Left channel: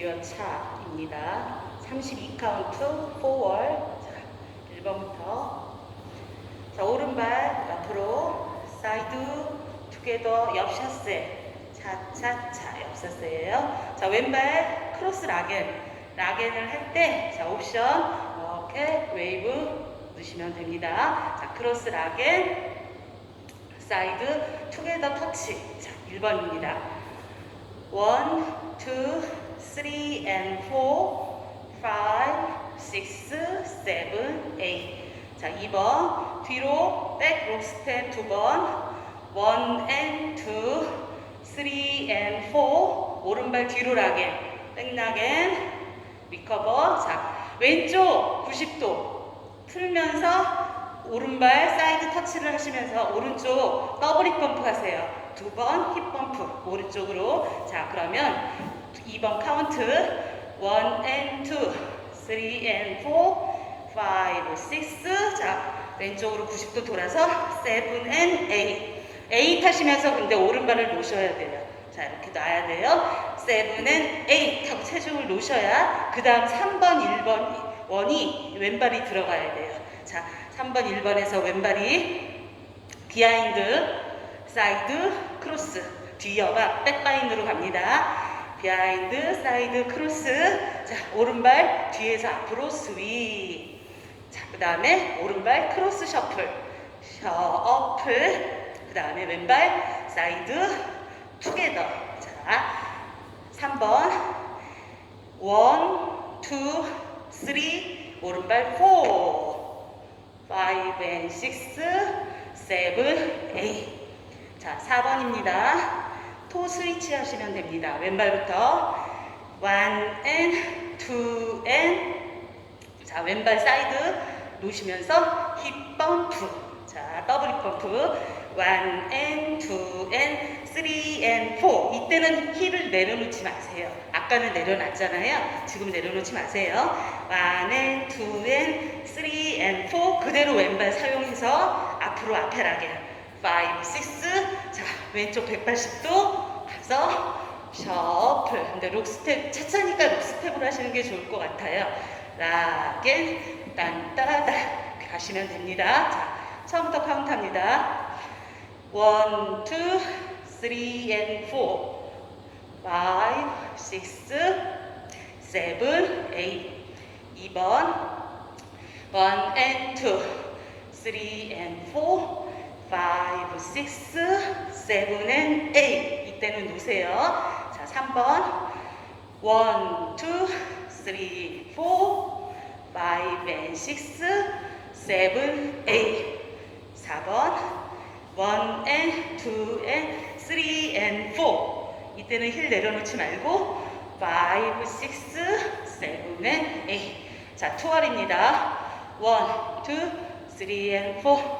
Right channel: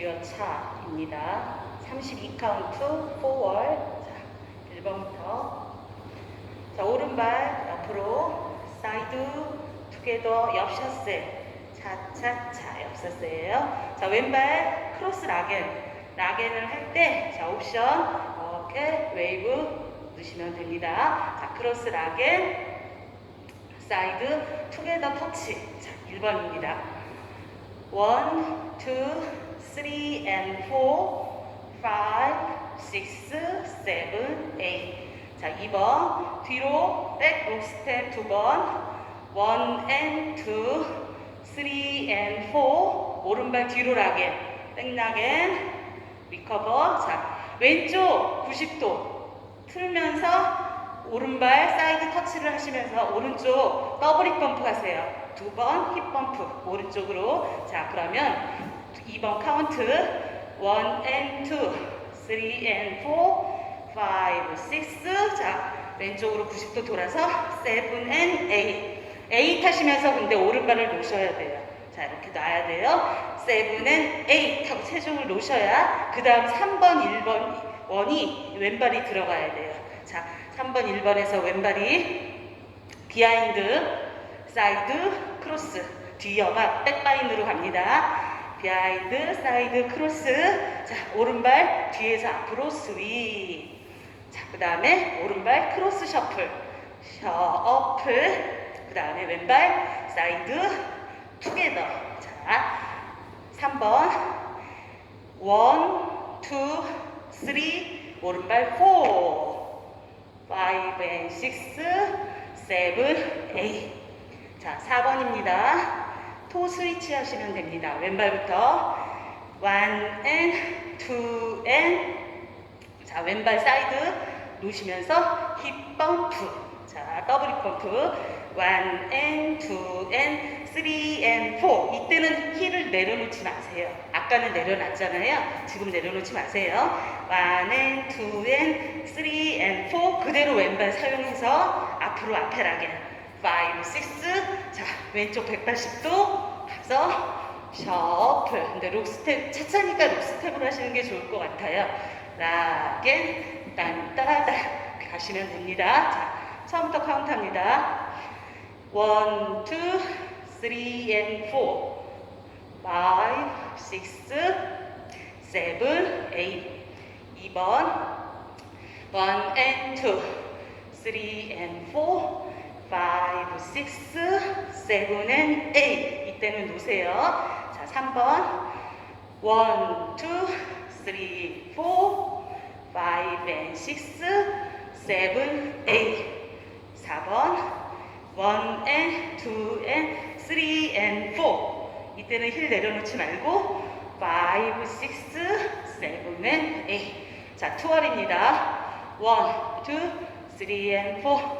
주여 차입니다. 32카운트 4월. 자, 1번부터. 자, 오른발 옆으로 사이드 투게더 옆샷세. 차차차 옆샷세예요. 자, 왼발 크로스 락앤. 락앤을 할 때, 자, 옵션 이렇게 웨이브 넣으시면 됩니다. 자, 크로스 락앤. 사이드 투게더 터치. 자, 1번입니다. 1, 2, 3 and 4, 5, 6, 7, 8. 자, 2번 뒤로 백 록스텝 2번 1 and 2, 3 and 4 오른발 뒤로 라겐 백라겐 리커버 자, 왼쪽 90도 틀면서 오른발 사이드 터치를 하시면서 오른쪽 더블 힙 펌프 하세요. 두 번 힙 펌프 오른쪽으로. 자, 그러면 2번 카운트 1 and 2, 3 and 4, 5, 6. 자, 왼쪽으로 90도 돌아서 7 and 8. 8 하시면서 근데 오른발을 놓으셔야 돼요. 자, 이렇게 놔야 돼요. 7 and 8 하고 체중을 놓으셔야 그 다음 3번, 1번 원이 왼발이 들어가야 돼요. 자, 3번, 1번에서 왼발이 비하인드, 사이드, 크로스, 뒤여가 백바인드로 갑니다. 비하인드, 사이드, 크로스. 자, 오른발 뒤에서 앞으로 스윗. 자, 그 다음에 오른발 크로스 셔플. 셔플. 그 다음에 왼발 사이드, 투게더. 자, 3번. 원, 투, 쓰리, 오른발 포. 파이브 앤 식스, 세븐, 에잇. 자, 4번입니다. 토 스위치 하시면 됩니다. 왼발부터 one and 자, 왼발 사이드 놓으시면서 힙 펌프. 자, 더블 힙 펌프. one and two. 이때는 힐을 내려놓지 마세요. 아까는 내려놨잖아요. 지금 내려놓지 마세요. one and two. 그대로 왼발 사용해서 앞으로 앞에 라게. 5, 6. 자, 왼쪽 180도 가서 셔플. 근데 록스텝, 차차니까 록스텝을 하시는 게 좋을 것 같아요. 라게, 딴따라따 가시면 됩니다. 자, 처음부터 카운트 합니다. 1, 2, 3 and 4, 5, 6, 7, 8. 2번 1 and 2, 3 and 4, 5, 6, 7 and 8. 이때는 놓으세요. 자, 3번 1, 2, 3, 4, 5 and 6, 7, 8. 4번 1 and 2 and 3 and 4. 이때는 힐 내려놓지 말고 5, 6, 7 and 8. 자, 투알입니다. 1, 2, 3 and 4,